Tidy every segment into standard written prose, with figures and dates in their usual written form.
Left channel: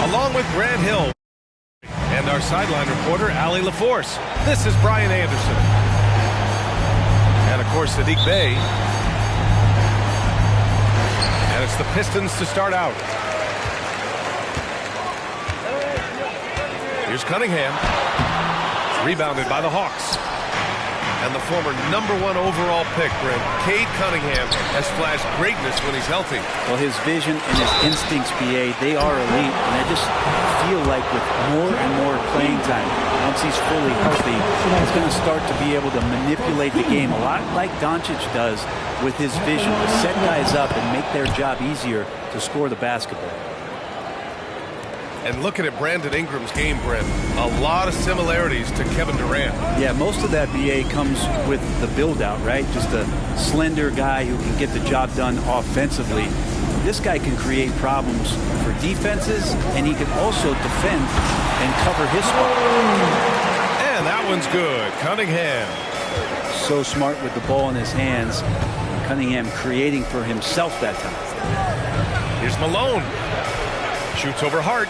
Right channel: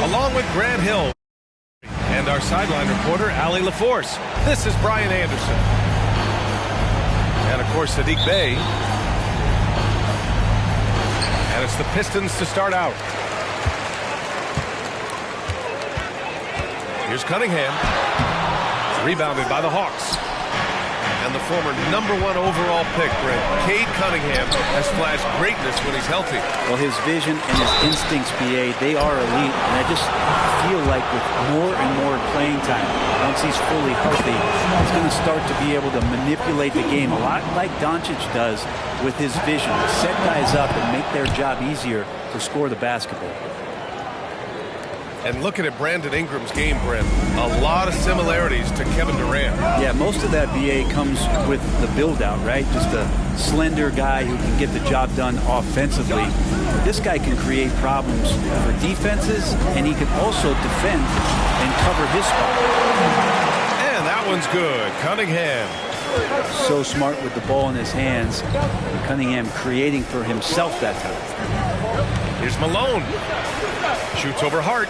Along with Grant Hill and our sideline reporter, Allie LaForce, this is Brian Anderson. And, of course, Sadiq Bey. And it's the Pistons to start out. Here's Cunningham. Rebounded by the Hawks. And the former #1 overall pick, Brent, Cade Cunningham, has flashed greatness when he's healthy. Well, his vision and his instincts, BA, they are elite. And I just feel like with more and more playing time, once he's fully healthy, he's going to start to be able to manipulate the game a lot like Doncic does with his vision, to set guys up and make their job easier to score the basketball. And looking at Brandon Ingram's game, Brent, a lot of similarities to Kevin Durant. Yeah, most of that, BA, comes with the build-out, right? Just a slender guy who can get the job done offensively. This guy can create problems for defenses, and he can also defend and cover his spot. And that one's good. Cunningham. So smart with the ball in his hands. And Cunningham creating for himself that time. Here's Malone. Shoots over Hart.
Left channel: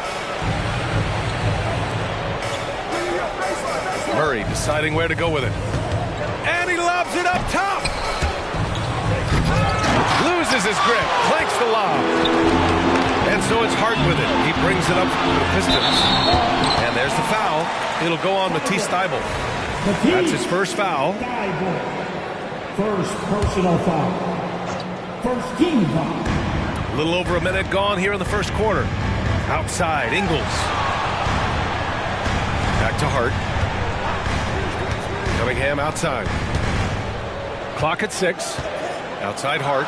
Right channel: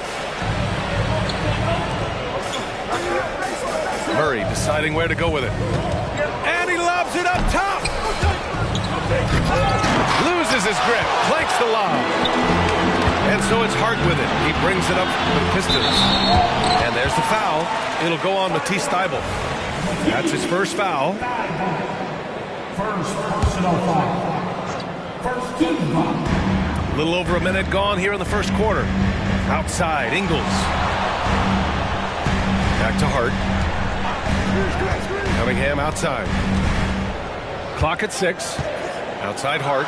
Murray deciding where to go with it. And he lobs it up top. Loses his grip. Clanks the lob. And so it's Hart with it. He brings it up for the Pistons. And there's the foul. It'll go on Matisse Thybulle. That's his first foul. First personal foul. First team foul. A little over a minute gone here in the first quarter. Outside, Ingles. Back to Hart. Cunningham outside. Clock at 6. Outside Hart.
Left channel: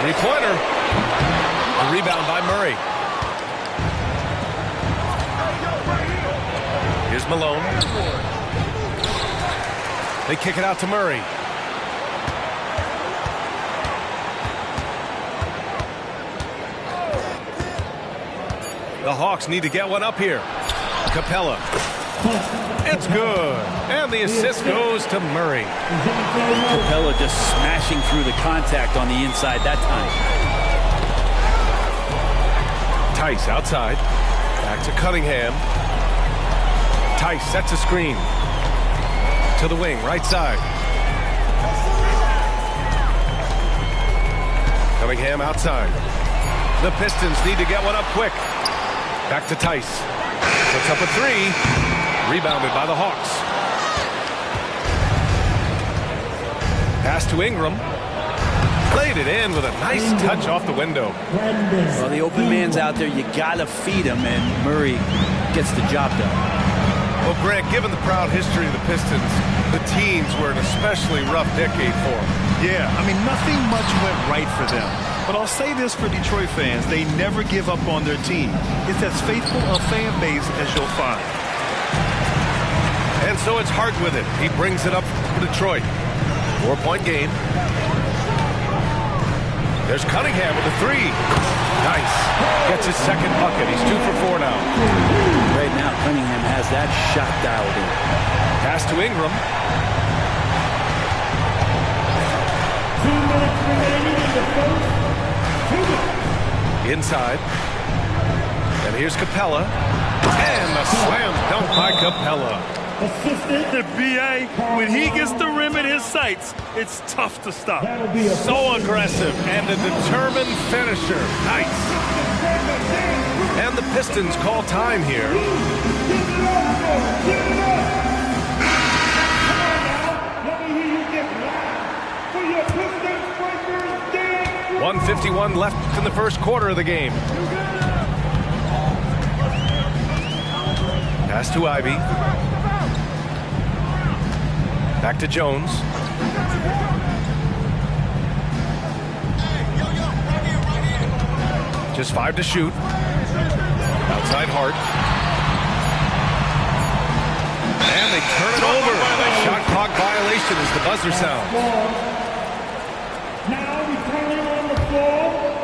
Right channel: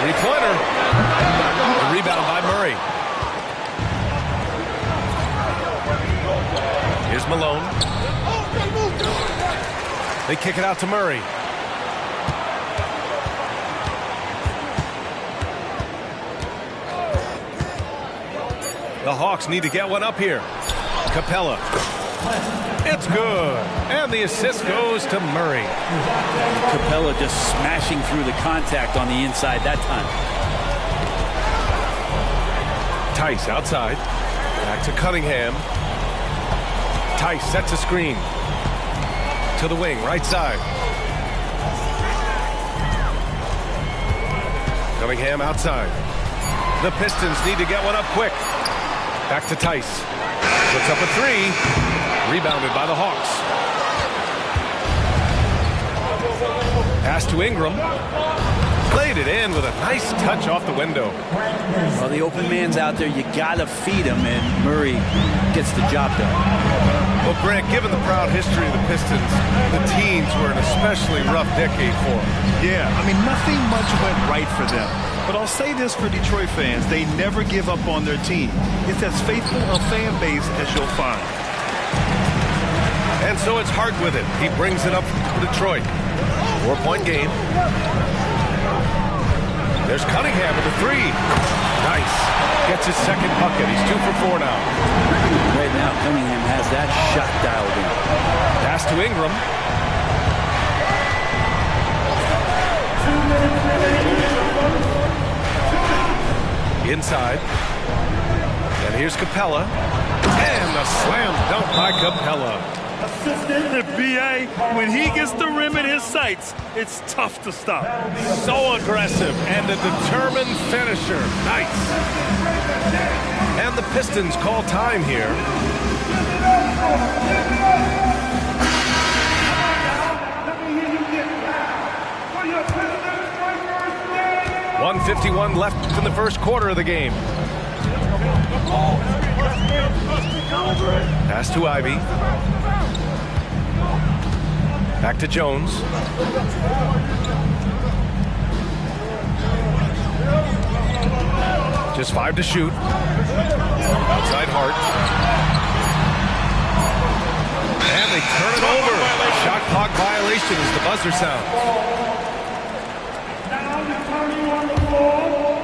Three-pointer. A rebound by Murray. Here's Malone. They kick it out to Murray. The Hawks need to get one up here. Capella. It's good. And the assist goes to Murray. Capella just smashing through the contact on the inside that time. Tice outside. Back to Cunningham. Tice sets a screen. To the wing, right side. Cunningham outside. The Pistons need to get one up quick. Back to Tice. Puts up a three. Rebounded by the Hawks. Pass to Ingram. Played it in with a nice touch off the window. Well, the open man's out there. You got to feed him, and Murray gets the job done. Well, Grant, given the proud history of the Pistons, the teens were an especially rough decade for them. Yeah, I mean, nothing much went right for them. But I'll say this for Detroit fans, they never give up on their team. It's as faithful a fan base as you'll find. And so it's Hart with it. He brings it up for Detroit. 4-point game. There's Cunningham with a three. Nice. Gets his second bucket. He's 2 for 4 now. Right now, Cunningham has that shot dialed in. Pass to Ingram. Inside. And here's Capella. And the slam dunk by Capella. The BA, when he gets the rim in his sights, it's tough to stop. So aggressive and a determined finisher. Nice. And the Pistons call time here. 1:51 left in the first quarter of the game. Pass to Ivy. Back to Jones. Just 5 to shoot. Outside Hart. And they turn it over. Shot clock violation as the buzzer sounds. Now returning on the floor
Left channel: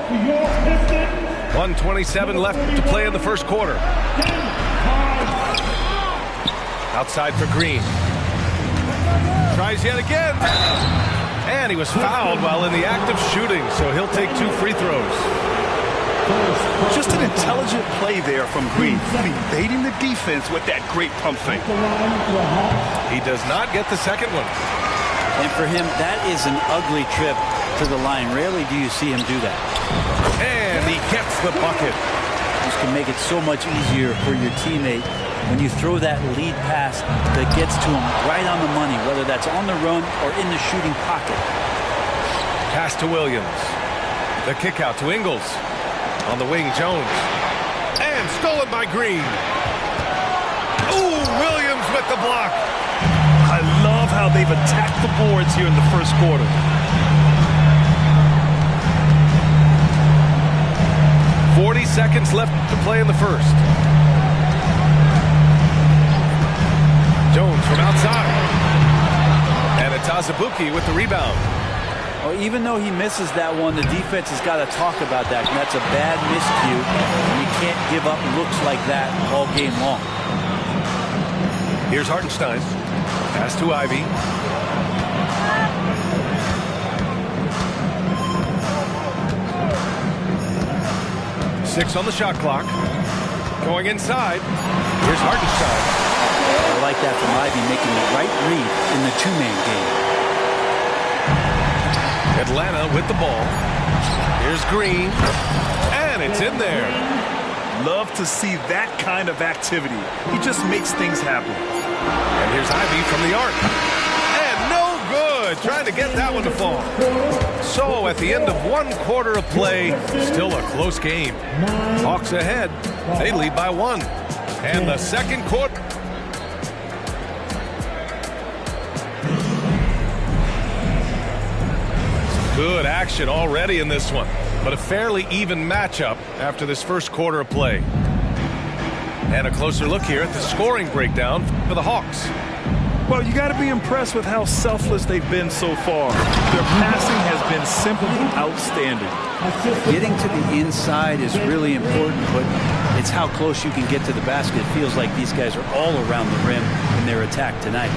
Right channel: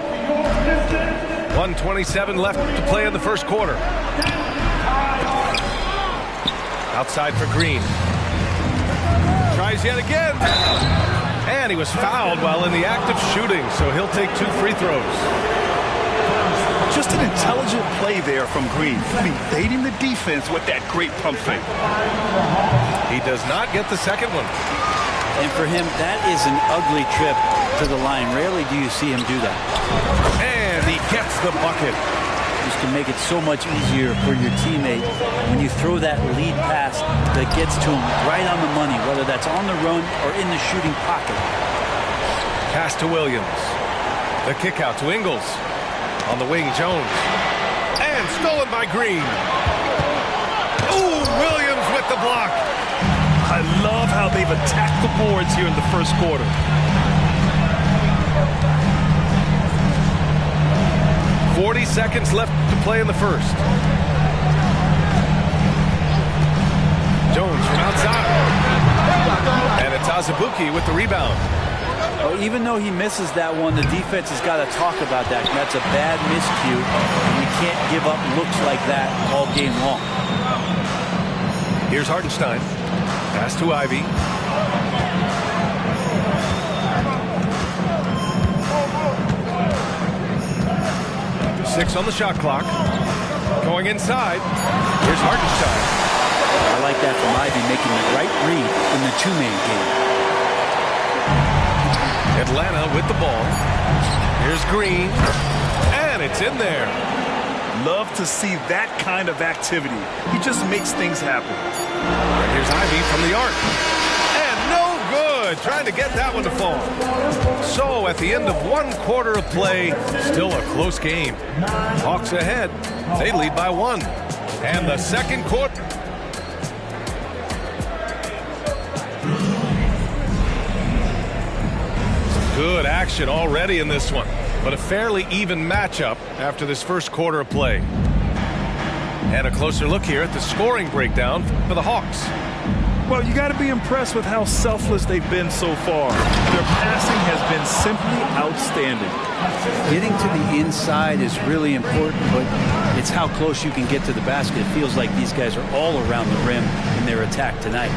to your Pistons. 1:27 left to play in the first quarter. Outside for Green. Tries yet again. And he was fouled while in the act of shooting, so he'll take 2 free throws. Just an intelligent play there from Green. I mean, baiting the defense with that great pump fake. He does not get the second one. And for him, that is an ugly trip to the line. Rarely do you see him do that. And he gets the bucket. This can make it so much easier for your teammate when you throw that lead pass that gets to him right on the money, whether that's on the run or in the shooting pocket. Pass to Williams. The kick out to Ingles. On the wing, Jones. And stolen by Green. Ooh, Williams with the block. I love how they've attacked the boards here in the first quarter. .40 seconds left to play in the first. Jones from outside. And it's Azubuike with the rebound. Well, even though he misses that one, the defense has got to talk about that. And that's a bad miscue, and you can't give up looks like that all game long. Here's Hartenstein. Pass to Ivy. Six on the shot clock. Going inside. Here's Hartenstein. I like that from Ivy, making the right read in the two-man game. Atlanta with the ball. Here's Green. And it's in there. Love to see that kind of activity. He just makes things happen. And here's Ivy from the arc. And no good. Trying to get that one to fall. So at the end of 1 quarter of play, still a close game. Hawks ahead. They lead by 1. And the second quarter. Good action already in this one, but a fairly even matchup after this first quarter of play. And a closer look here at the scoring breakdown for the Hawks. Well, you got to be impressed with how selfless they've been so far. Their passing has been simply outstanding. Getting to the inside is really important, but it's how close you can get to the basket. It feels like these guys are all around the rim in their attack tonight.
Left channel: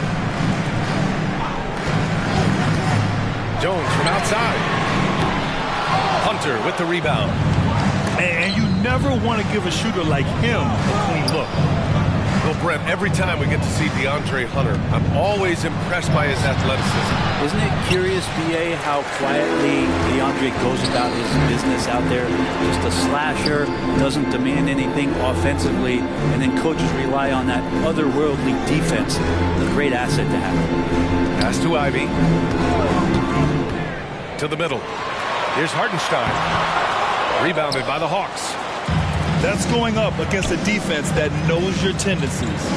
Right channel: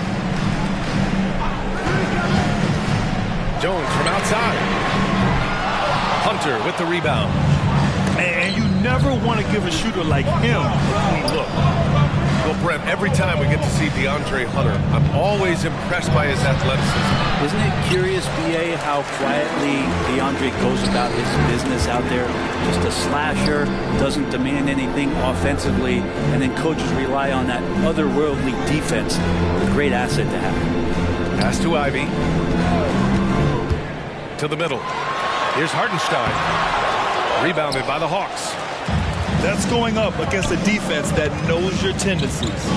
Jones from outside. Hunter with the rebound. And you never want to give a shooter like him a clean look. Well, Brent, every time we get to see DeAndre Hunter, I'm always impressed by his athleticism. Isn't it curious, B.A., how quietly DeAndre goes about his business out there? Just a slasher, doesn't demand anything offensively, and then coaches rely on that otherworldly defense. A great asset to have. Pass to Ivy. To the middle. Here's Hartenstein. Rebounded by the Hawks. That's going up against a defense that knows your tendencies.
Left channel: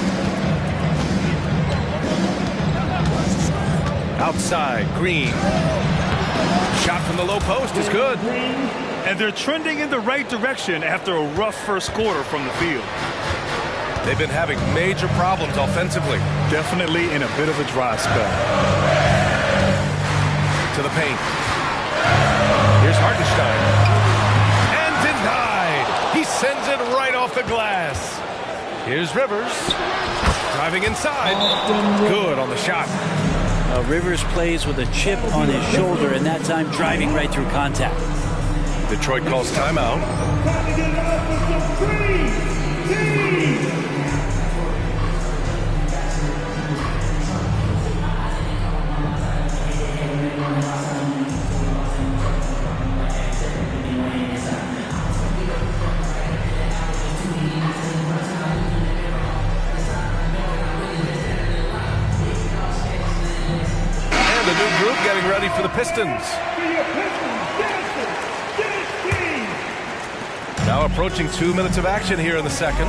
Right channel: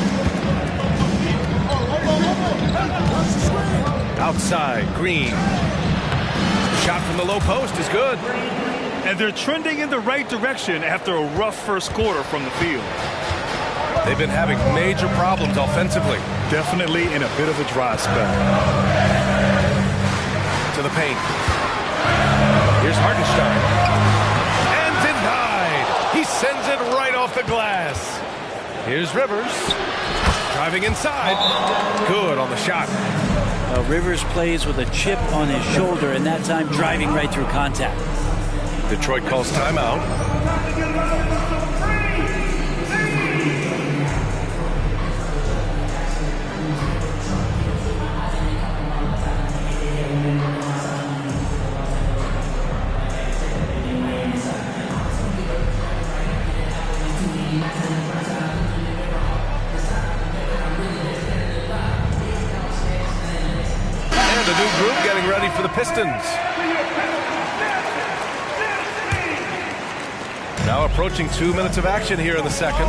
Outside, Green. Shot from the low post is good. And they're trending in the right direction after a rough first quarter from the field. They've been having major problems offensively. Definitely in a bit of a dry spell. To the paint. Here's Hartenstein. And denied. He sends it right off the glass. Here's Rivers. Driving inside. Good on the shot. Rivers plays with a chip on his shoulder, and that time driving right through contact. Detroit calls timeout. A new group getting ready for the Pistons. Now approaching 2 minutes of action here in the second.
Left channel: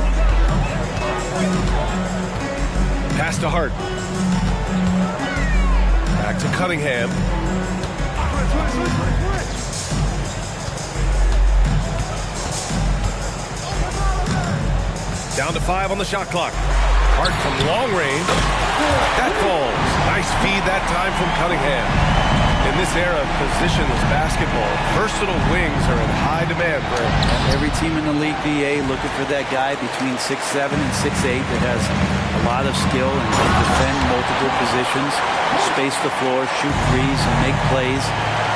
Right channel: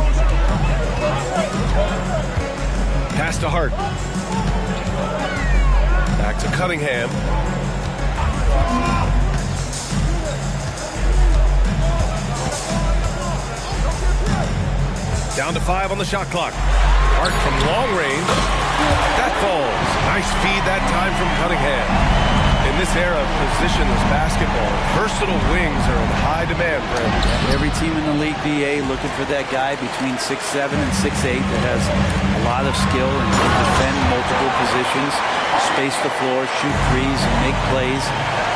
Pass to Hart. Back to Cunningham. Down to 5 on the shot clock. Hart from long range. That falls. Nice feed that time from Cunningham. In this era of positionless basketball, versatile wings are in high demand, Brent. Every team in the league, BA, looking for that guy between 6'7" and 6'8" that has a lot of skill and can defend multiple positions, space the floor, shoot threes, and make plays.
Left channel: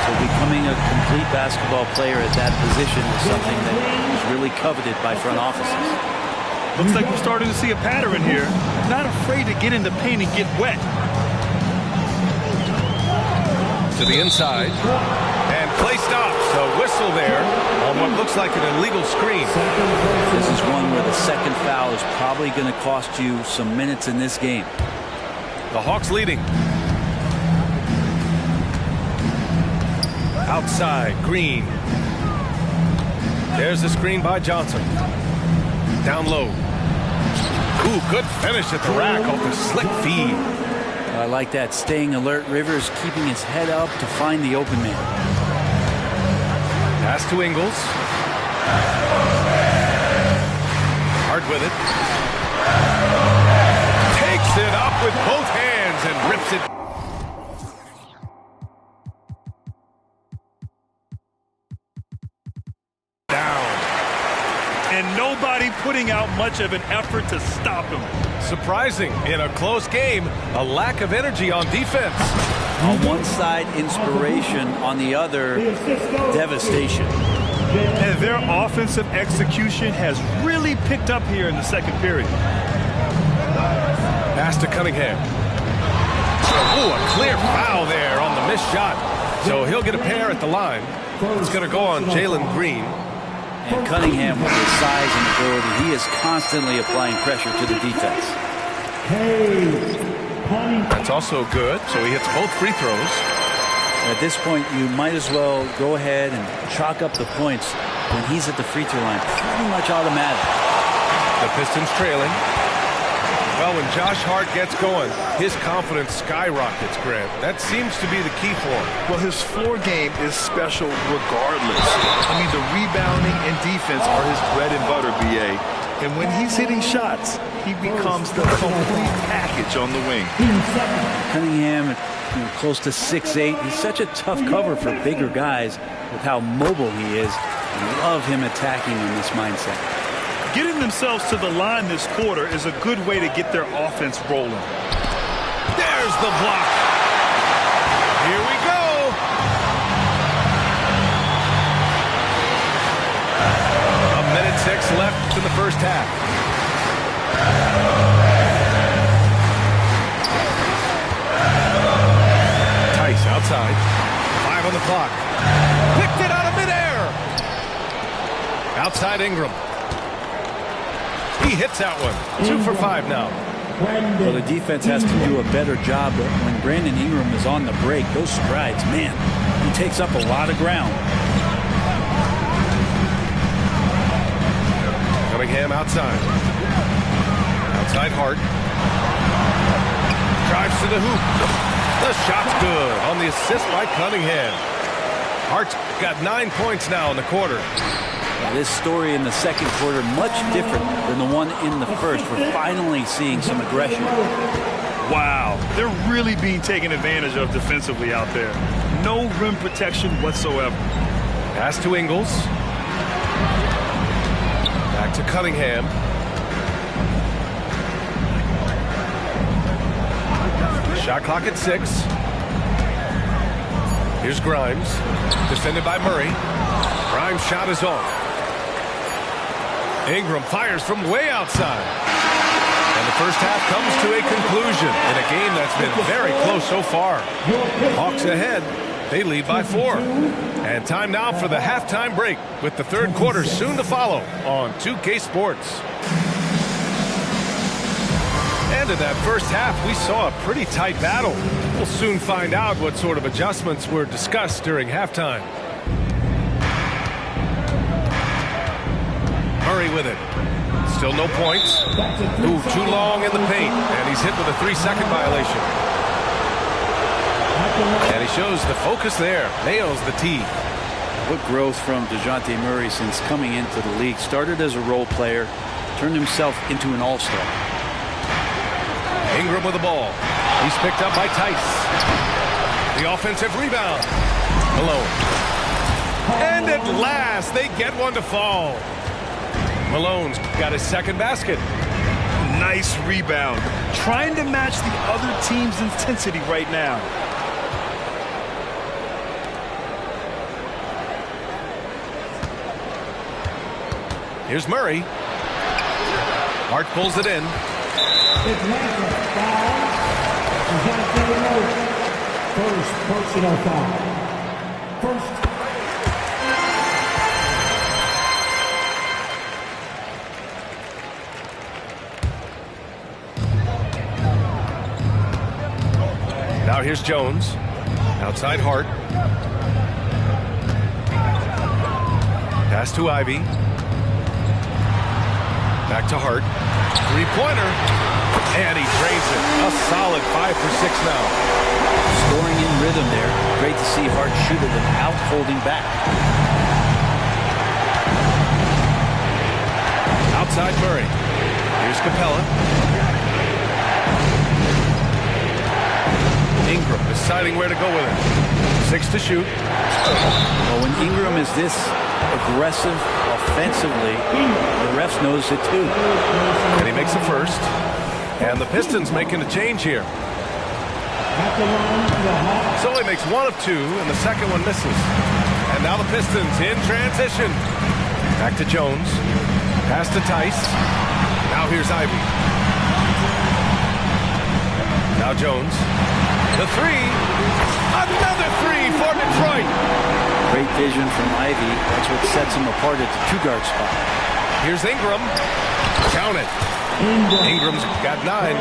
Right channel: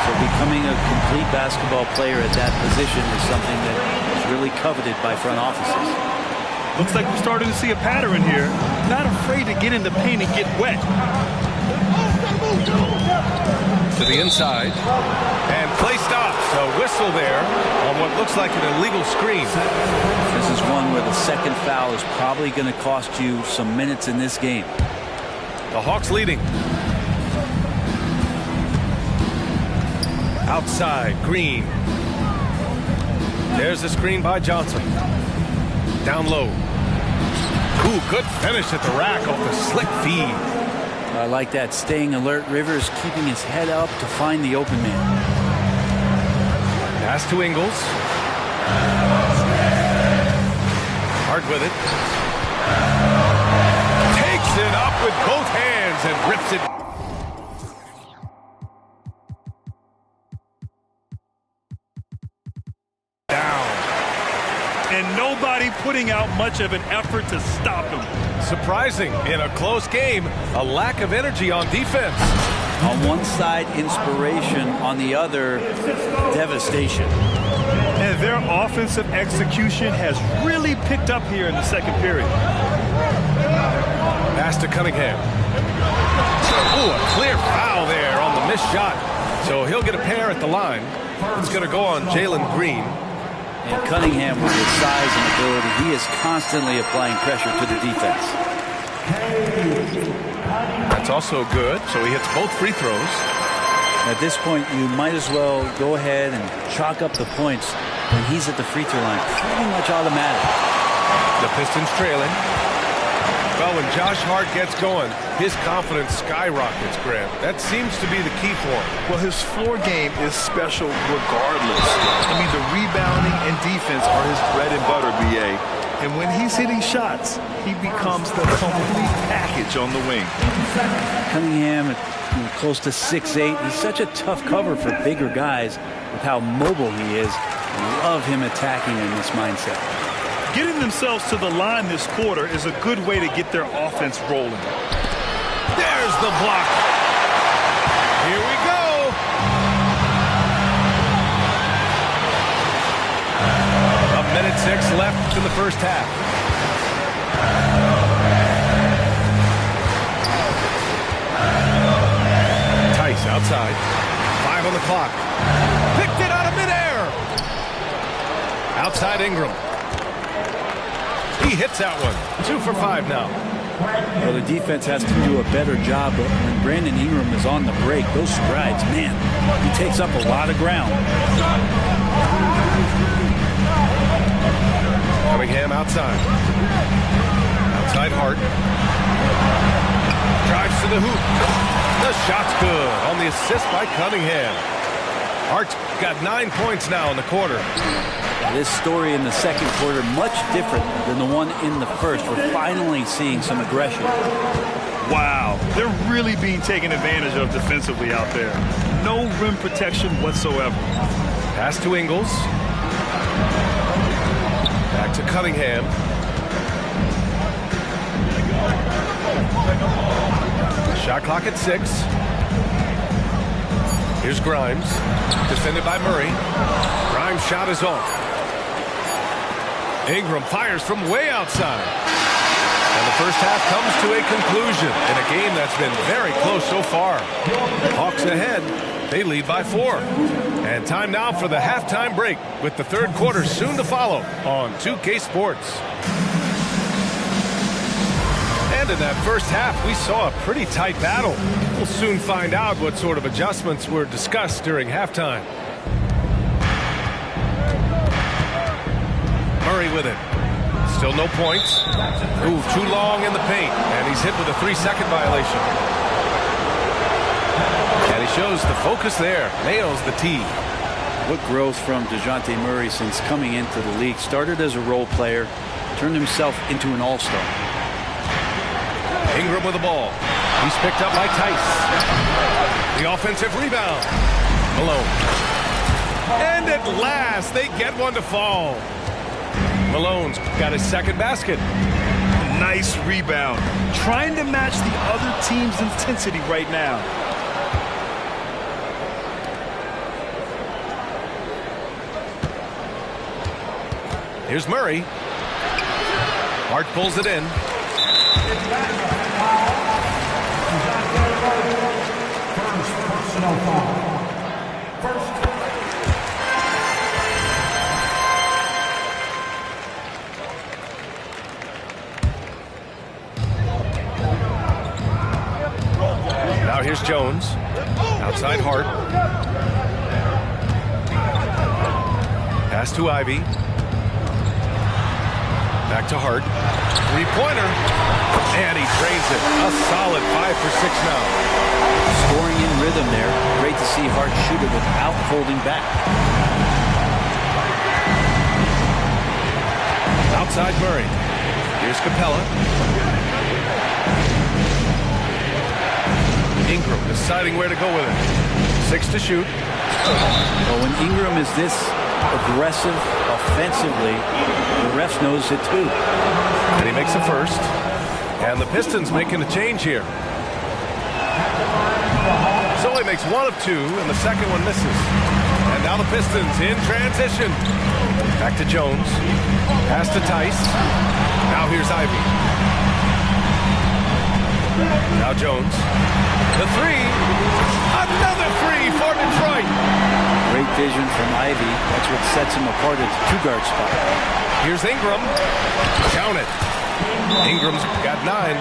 So becoming a complete basketball player at that position is something that is really coveted by front offices. Looks like we're starting to see a pattern here. Not afraid to get in the paint and get wet. To the inside. And play stops. A whistle there on what looks like an illegal screen. This is one where the second foul is probably going to cost you some minutes in this game. The Hawks leading. Outside, Green. There's the screen by Johnson. Down low. Ooh, good finish at the rack off the slick feed. I like that. Staying alert. Rivers keeping his head up to find the open man. Pass to Ingles. Hard with it. Takes it up with both hands and rips it. Down. And nobody putting out much of an effort to stop him. Surprising in a close game, a lack of energy on defense. On one side, inspiration. On the other, devastation. And their offensive execution has really picked up here in the second period. Pass to Cunningham. Ooh, a clear foul there on the missed shot. So he'll get a pair at the line. It's going to go on Jalen Green. And Cunningham, with his size and ability, he is constantly applying pressure to the defense. That's also good. So he hits both free throws. At this point, you might as well go ahead and chalk up the points when he's at the free throw line. Pretty much automatic. The Pistons trailing. Well, when Josh Hart gets going, his confidence skyrockets, Grant. That seems to be the key for him. Well, his floor game is special regardless. I mean, the rebounding and defense are his bread and butter, BA. And when he's hitting shots, he becomes the complete package on the wing. Cunningham, close to 6'8". He's such a tough cover for bigger guys with how mobile he is. I love him attacking in this mindset. Getting themselves to the line this quarter is a good way to get their offense rolling. There's the block. Here we go. A minute 6 left in the first half. Tice outside. 5 on the clock. Picked it out of midair. Outside Ingram. He hits that one. 2 for 5 now. Well, the defense has to do a better job, but when Brandon Ingram is on the break, those strides, man, he takes up a lot of ground. Cunningham outside. Outside Hart. Drives to the hoop. The shot's good on the assist by Cunningham. Hart's got 9 points now in the quarter. This story in the second quarter, much different than the one in the first. We're finally seeing some aggression. Wow, they're really being taken advantage of defensively out there. No rim protection whatsoever. Pass to Ingles. Back to Cunningham. Shot clock at 6. Here's Grimes. Defended by Murray. Grimes' shot is off. Ingram fires from way outside. And the first half comes to a conclusion in a game that's been very close so far. Hawks ahead. They lead by 4. And time now for the halftime break with the third quarter soon to follow on 2K Sports. And in that first half, we saw a pretty tight battle. We'll soon find out what sort of adjustments were discussed during halftime. Murray with it. Still no points. Ooh, too long in the paint. And he's hit with a 3-second violation. And he shows the focus there. Nails the tee. What growth from DeJounte Murray since coming into the league. Started as a role player, turned himself into an all-star. Ingram with the ball. He's picked up by Tice. The offensive rebound. Malone. And at last, they get one to fall. Malone's got his second basket. Nice rebound. Trying to match the other team's intensity right now. Here's Murray. Hart pulls it in. First personal foul. First. Now here's Jones. Outside Hart. Pass to Ivy. Back to Hart. Three-pointer. And he drains it. A solid 5 for 6 now. Scoring in rhythm there. Great to see Hart shoot it without holding back. Outside Murray. Here's Capella. Ingram deciding where to go with it. 6 to shoot. Well, when Ingram is this aggressive offensively, the refs notice it too. And he makes a first. And the Pistons making a change here. So he makes 1 of 2, and the second one misses. And now the Pistons in transition. Back to Jones. Pass to Tice. Now here's Ivy. Now Jones. The 3. Another 3 for Detroit. Great vision from Ivy. That's what sets him apart at the 2-guard spot. Here's Ingram. Count it. Ingram's got 9.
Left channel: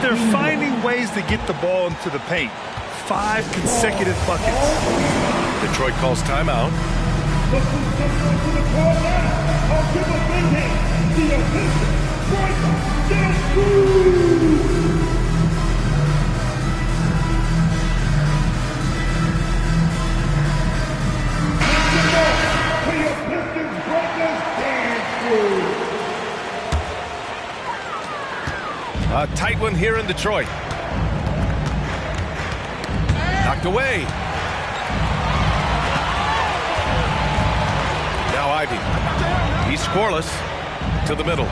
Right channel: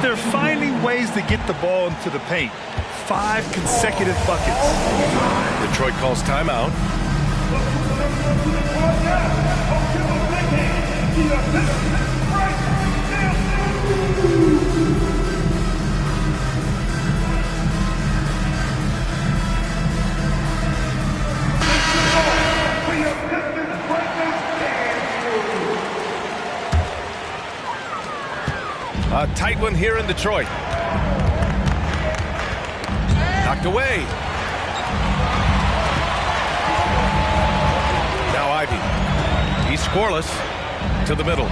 They're finding ways to get the ball into the paint. 5 consecutive buckets. Detroit calls timeout. A tight one here in Detroit. Knocked away. Now Ivy. He's scoreless. To the middle.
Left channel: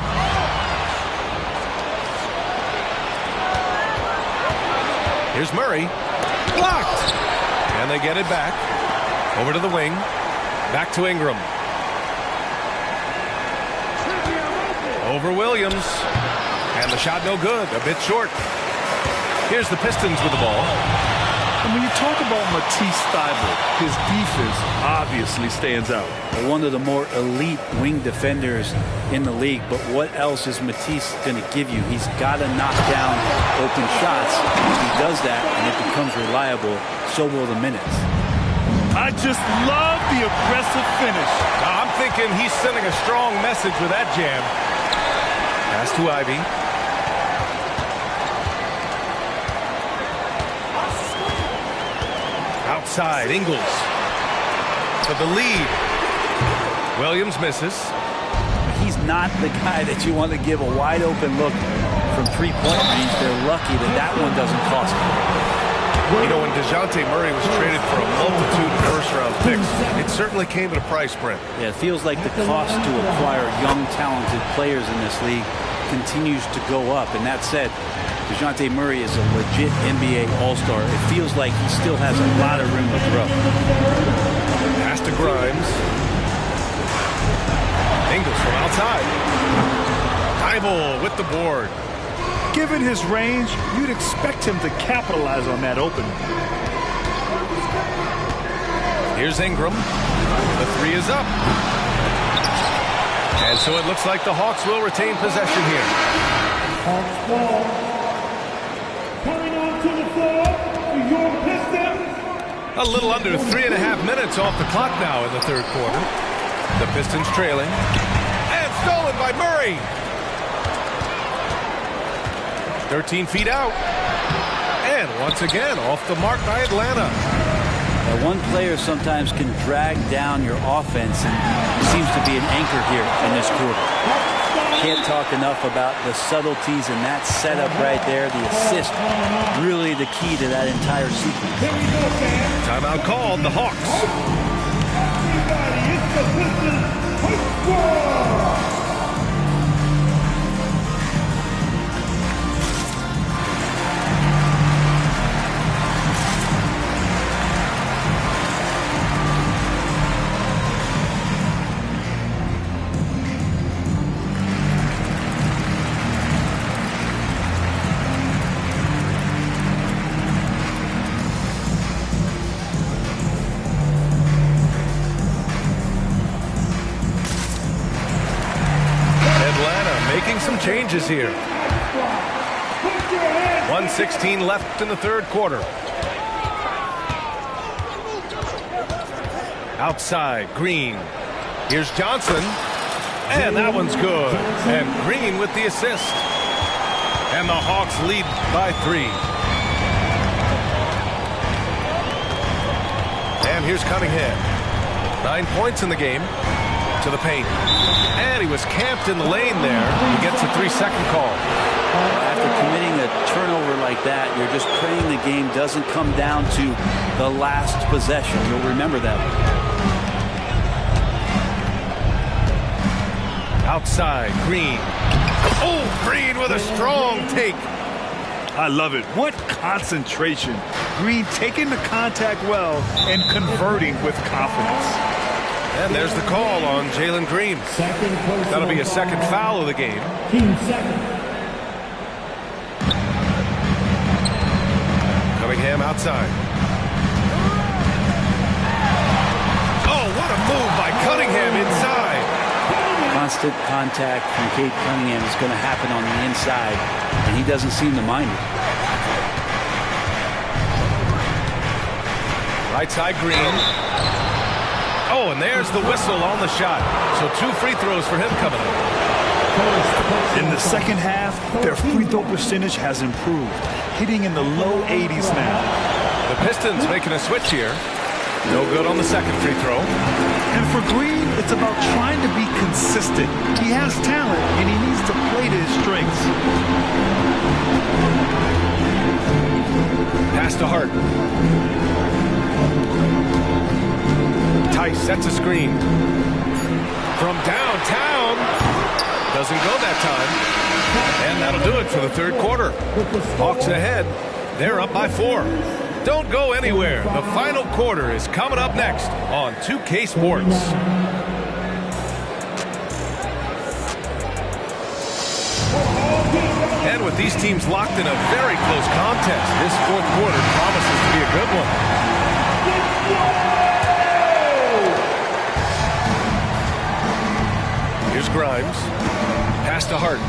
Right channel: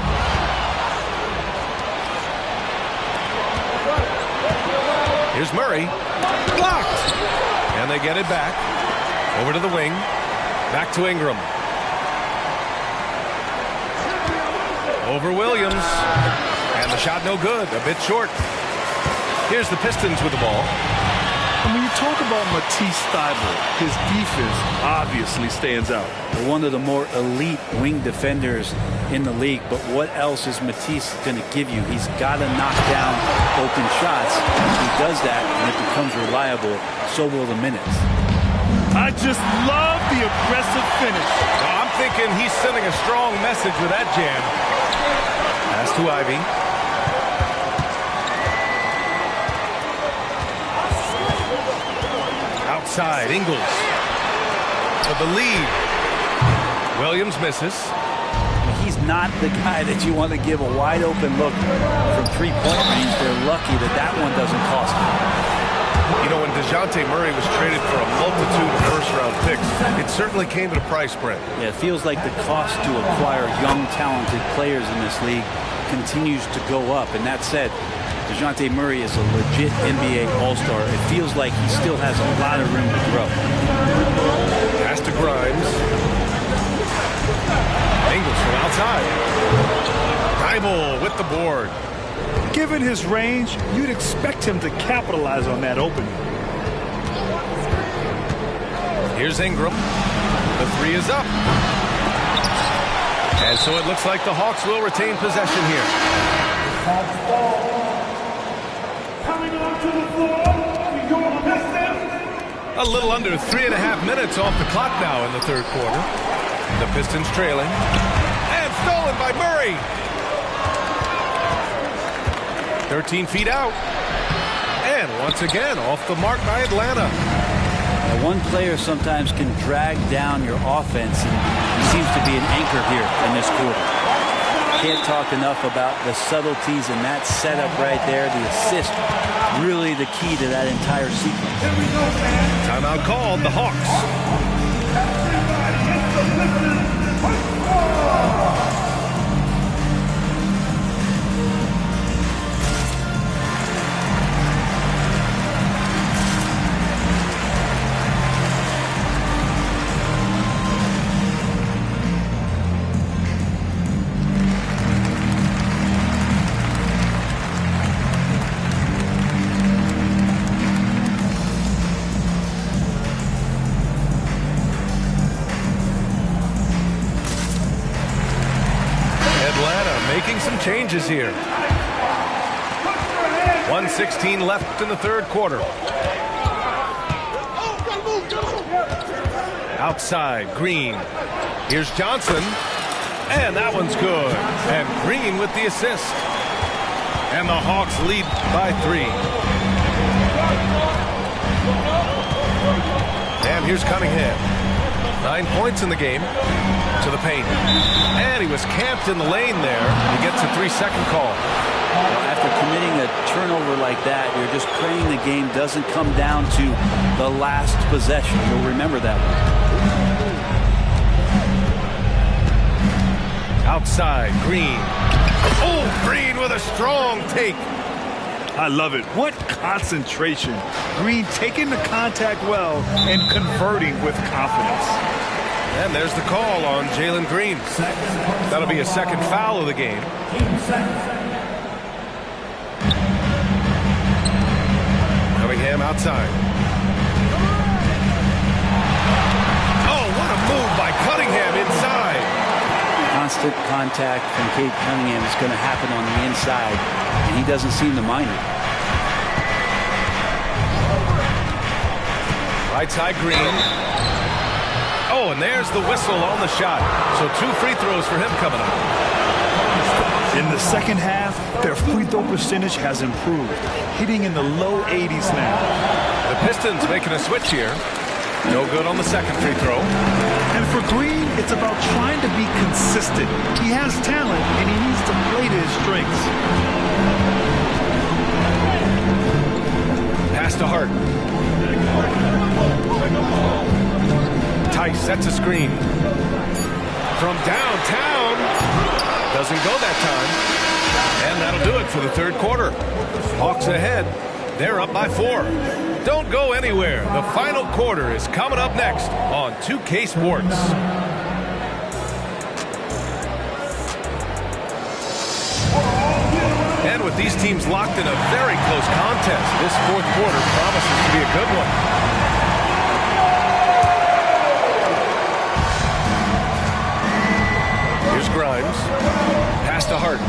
Here's Murray. Blocked. And they get it back. Over to the wing. Back to Ingram. Over Williams. And the shot no good. A bit short. Here's the Pistons with the ball. And when you talk about Matisse Thybulle, his defense obviously stands out. One of the more elite wing defenders in the league, but what else is Matisse going to give you? He's got to knock down open shots. If he does that and it becomes reliable, so will the minutes. I just love the aggressive finish. Now, I'm thinking he's sending a strong message with that jam. Pass to Ivy. Outside, Ingles for the lead. Williams misses. But he's not the guy that you want to give a wide open look from 3-point range. They're lucky that that one doesn't cost them. You know, when DeJounte Murray was traded for a multitude of first-round picks, it certainly came at a price, Brent. Yeah, it feels like the cost to acquire young, talented players in this league continues to go up. And that said, DeJounte Murray is a legit NBA All-Star. It feels like he still has a lot of room to grow. Pass to Grimes. Ingles from outside. Thybulle with the board. Given his range, you'd expect him to capitalize on that opening. Here's Ingram. The 3 is up. And so it looks like the Hawks will retain possession here. Hawks ball. Coming onto the floor for your Pistons. A little under 3.5 minutes off the clock now in the third quarter. The Pistons trailing. And Stolen by Murray. 13 feet out. And once again, off the mark by Atlanta. Yeah, one player sometimes can drag down your offense, and he seems to be an anchor here in this quarter. Can't talk enough about the subtleties in that setup right there. The assist, really the key to that entire sequence. Timeout called, the Hawks. Atlanta making some changes here. 1:16 left in the third quarter. Outside, Green. Here's Johnson. And that one's good. And Green with the assist. And the Hawks lead by 3. And here's Cunningham. 9 points in the game. To the paint. And he was camped in the lane there. He gets a 3-second call. Well, after committing a turnover like that, you're just praying the game doesn't come down to the last possession. You'll remember that one. Outside, Green. Oh, Green with a strong take. I love it. What concentration. Green taking the contact well and converting with confidence. And there's the call on Jalen Green. That'll be a second foul of the game. Cunningham outside. Oh, what a move by Cunningham inside. Constant contact from Cade Cunningham is going to happen on the inside, and he doesn't seem to mind it. Right side, Green. Oh, and there's the whistle on the shot. So 2 free throws for him coming up. In the second half, their free throw percentage has improved, hitting in the low 80s now. The Pistons making a switch here. No good on the second free throw. And for Green, it's about trying to be consistent. He has talent, and he needs to play to his strengths. Pass to Hart. Tice sets a screen. From downtown. Doesn't go that time. And that'll do it for the third quarter. Hawks ahead. They're up by 4. Don't go anywhere. The final quarter is coming up next on 2K Sports. And with these teams locked in a very close contest, this fourth quarter promises to be a good one. Here's Grimes. Pass to Hart.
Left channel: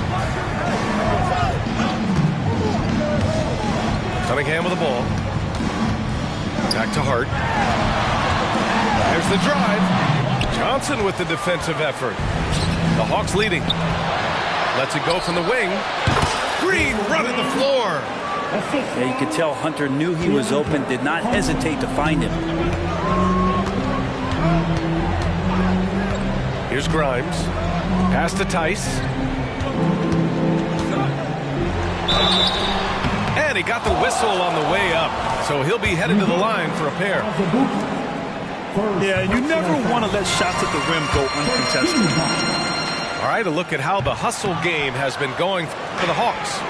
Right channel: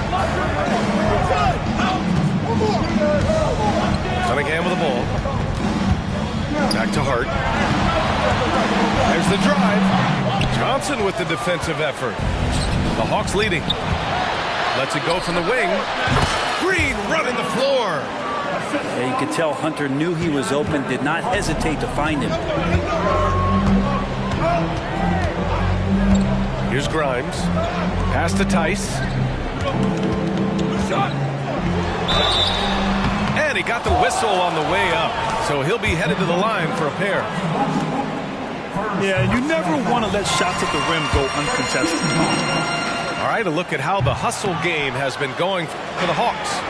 Cunningham with the ball. Back to Hart. There's the drive. Johnson with the defensive effort. The Hawks leading. Lets it go from the wing. Green running the floor. Yeah, you could tell Hunter knew he was open, did not hesitate to find him. Here's Grimes. Pass to Tice. And he got the whistle on the way up. So he'll be headed to the line for a pair. Yeah, you never want to let shots at the rim go uncontested. All right, a look at how the hustle game has been going for the Hawks.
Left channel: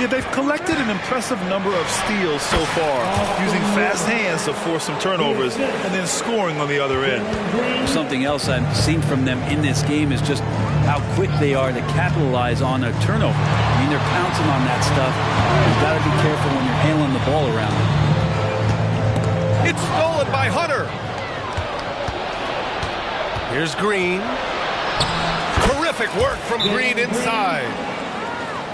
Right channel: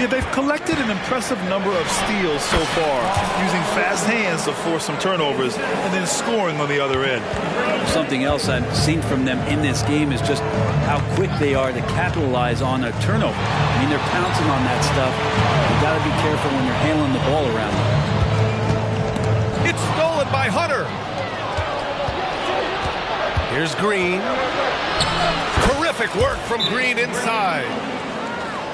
Yeah, they've collected an impressive number of steals so far, using fast hands to force some turnovers and then scoring on the other end. Something else I've seen from them in this game is just how quick they are to capitalize on a turnover. I mean, they're pouncing on that stuff. You've got to be careful when you're handling the ball around them. It's stolen by Hunter. Here's Green. Terrific work from Green inside.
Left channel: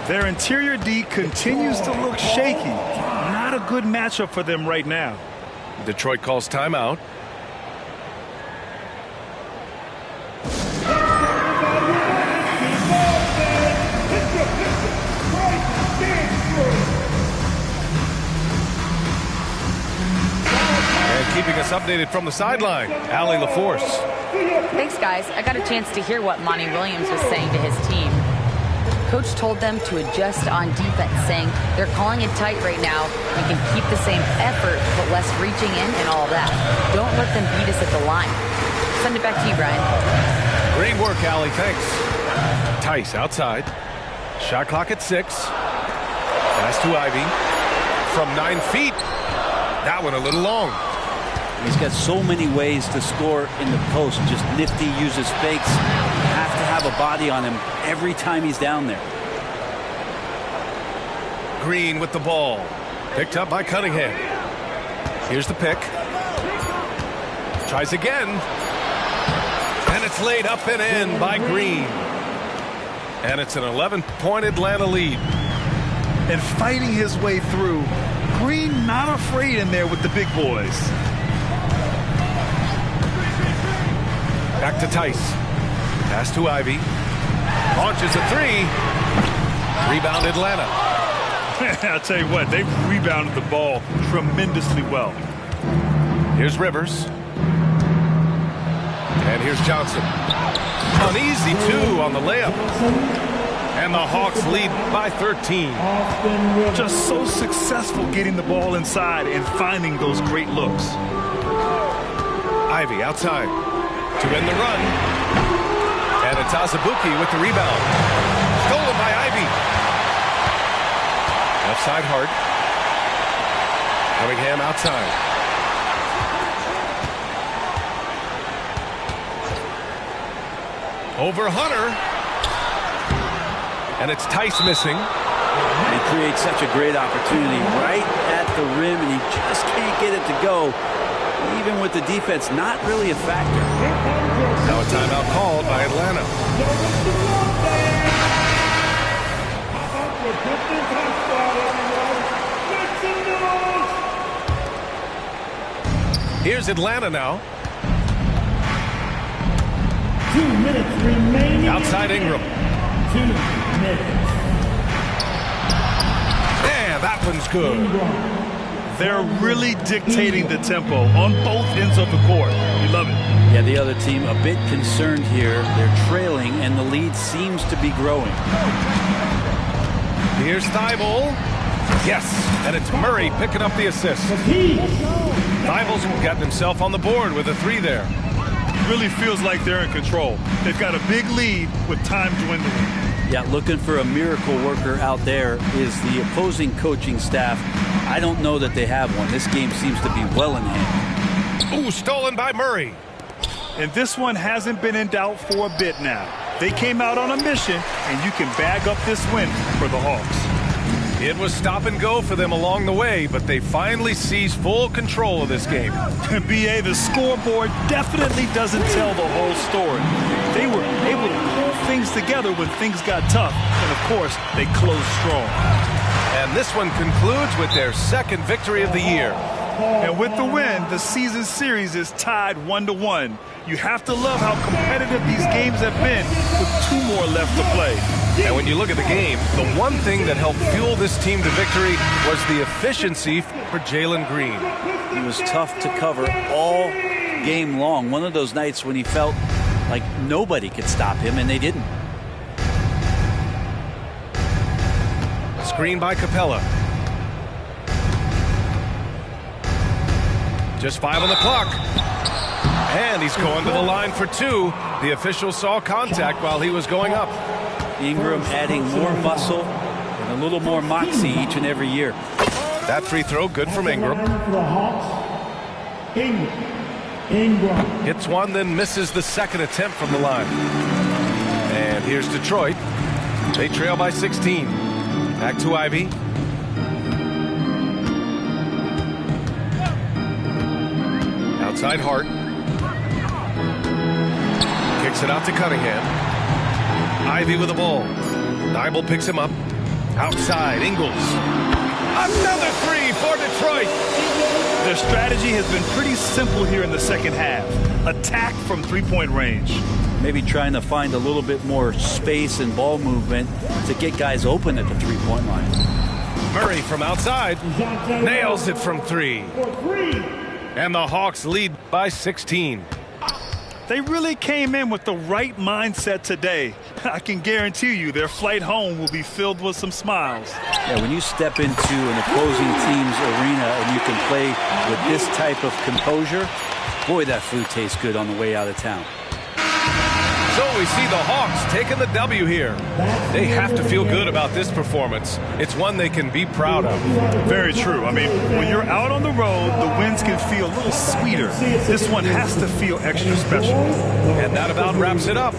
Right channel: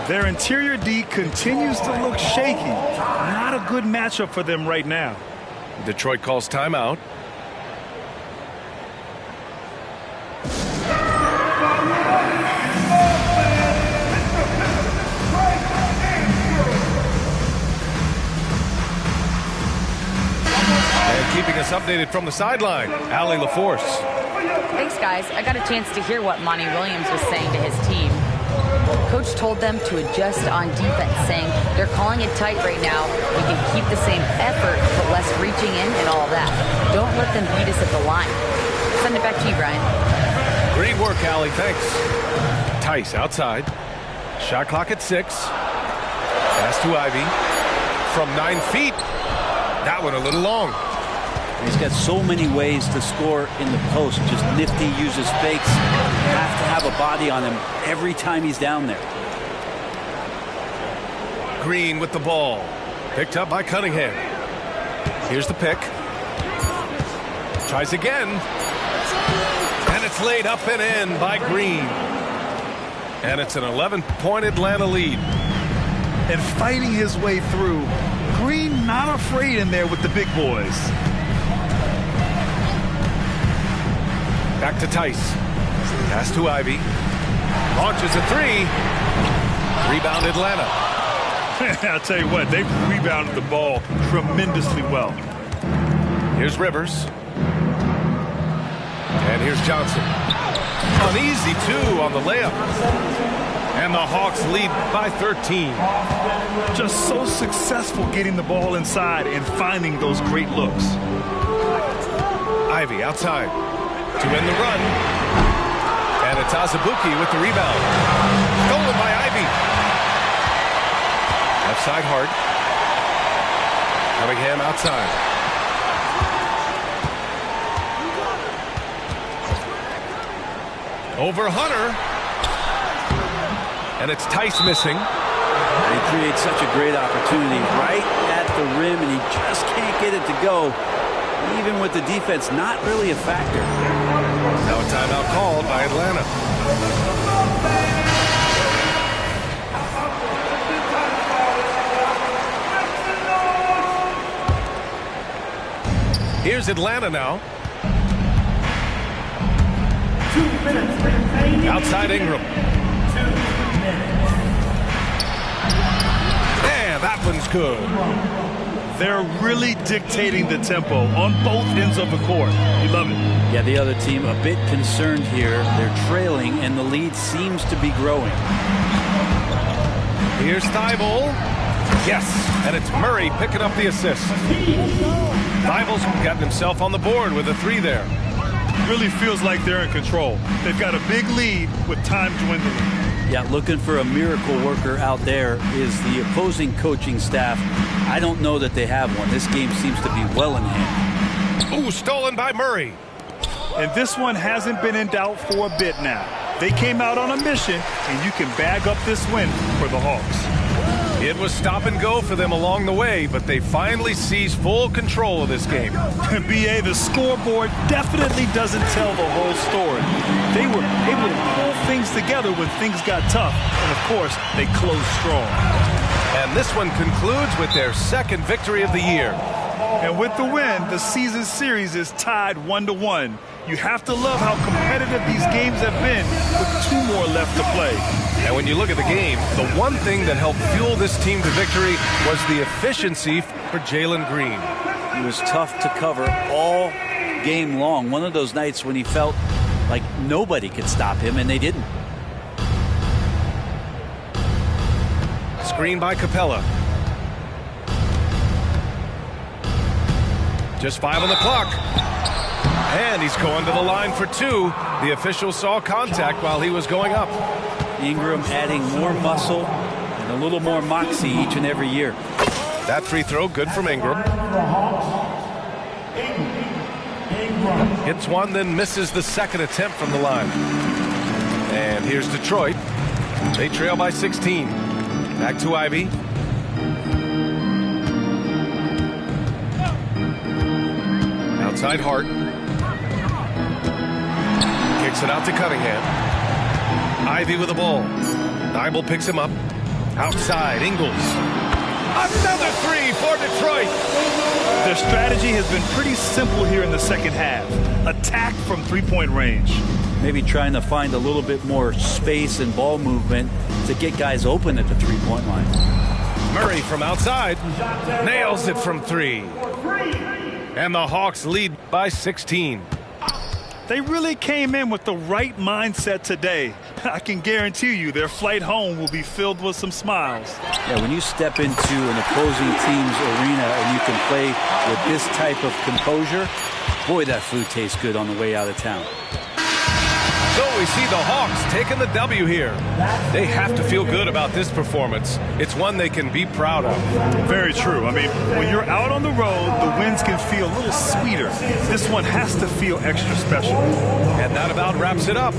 Their interior D continues to look shaky. Not a good matchup for them right now. Detroit calls timeout. keeping us updated from the sideline. Allie LaForce. Thanks, guys. I got a chance to hear what Monty Williams was saying to his team. Coach told them to adjust on defense, saying they're calling it tight right now. We can keep the same effort, but less reaching in and all of that. Don't let them beat us at the line. Send it back to you, Brian. Great work, Allie. Thanks. Tice outside. Shot clock at 6. Pass to Ivey. From 9 feet. That one a little long. He's got so many ways to score in the post. Just nifty, uses fakes. You have to have a body on him every time he's down there. Green with the ball. Picked up by Cunningham. Here's the pick. Tries again. And it's laid up and in by Green. And it's an 11-point Atlanta lead. And fighting his way through. Green not afraid in there with the big boys. Back to Tice. Pass to Ivey. Launches a 3. Rebound Atlanta. I'll tell you what, they've rebounded the ball tremendously well. Here's Rivers. And here's Johnson. An easy 2 on the layup. And the Hawks lead by 13. Just so successful getting the ball inside and finding those great looks. Ivey outside to end the run. And it's Azubuike with the rebound. Stolen by Ivey. Left side Hart. Cunningham outside. Over Hunter. And it's Tice missing. And he creates such a great opportunity right at the rim, and he just can't get it to go. Even with the defense not really a factor. Now a timeout called by Atlanta. Here's Atlanta now. 2 minutes remaining. Outside Ingram. 2 minutes. And that one's good. They're really dictating the tempo on both ends of the court. You love it. Yeah, the other team a bit concerned here. They're trailing, and the lead seems to be growing. Here's Thibault. Yes, and it's Murray picking up the assist. Thibault's gotten himself on the board with a 3 there. Really feels like they're in control. They've got a big lead with time dwindling. Yeah, looking for a miracle worker out there is the opposing coaching staff. I don't know that they have one. This game seems to be well in hand. Ooh, stolen by Murray. And this one hasn't been in doubt for a bit now. They came out on a mission, and you can bag up this win for the Hawks. It was stop and go for them along the way, but they finally seized full control of this game. BA, the scoreboard definitely doesn't tell the whole story. They were able to pull things together when things got tough, and of course, they closed strong. And this one concludes with their second victory of the year. And with the win, the season series is tied 1-1. You have to love how competitive these games have been with 2 more left to play. And when you look at the game, the one thing that helped fuel this team to victory was the efficiency for Jalen Green. He was tough to cover all game long. One of those nights when he felt like nobody could stop him, and they didn't. Screen by Capella. Just 5 on the clock. And he's going to the line for 2. The official saw contact while he was going up. Ingram adding more muscle and a little more moxie each and every year. That free throw good from Ingram. Ingram. Hits one, then misses the second attempt from the line. And here's Detroit. They trail by 16. Back to Ivey. Outside Hart. Kicks it out to Cunningham. Ivey with the ball. Thibault picks him up. Outside, Ingles. Another 3 for Detroit. Their strategy has been pretty simple here in the second half. Attack from 3-point range. Maybe trying to find a little bit more space and ball movement to get guys open at the 3-point line. Murray from outside. Nails it from 3. And the Hawks lead by 16. They really came in with the right mindset today. I can guarantee you their flight home will be filled with some smiles. Yeah, when you step into an opposing team's arena and you can play with this type of composure, boy, that food tastes good on the way out of town. So we see the Hawks taking the W here. They have to feel good about this performance. It's one they can be proud of. Very true. I mean, when you're out on the road, the wins can feel a little sweeter. This one has to feel extra special. And that about wraps it up.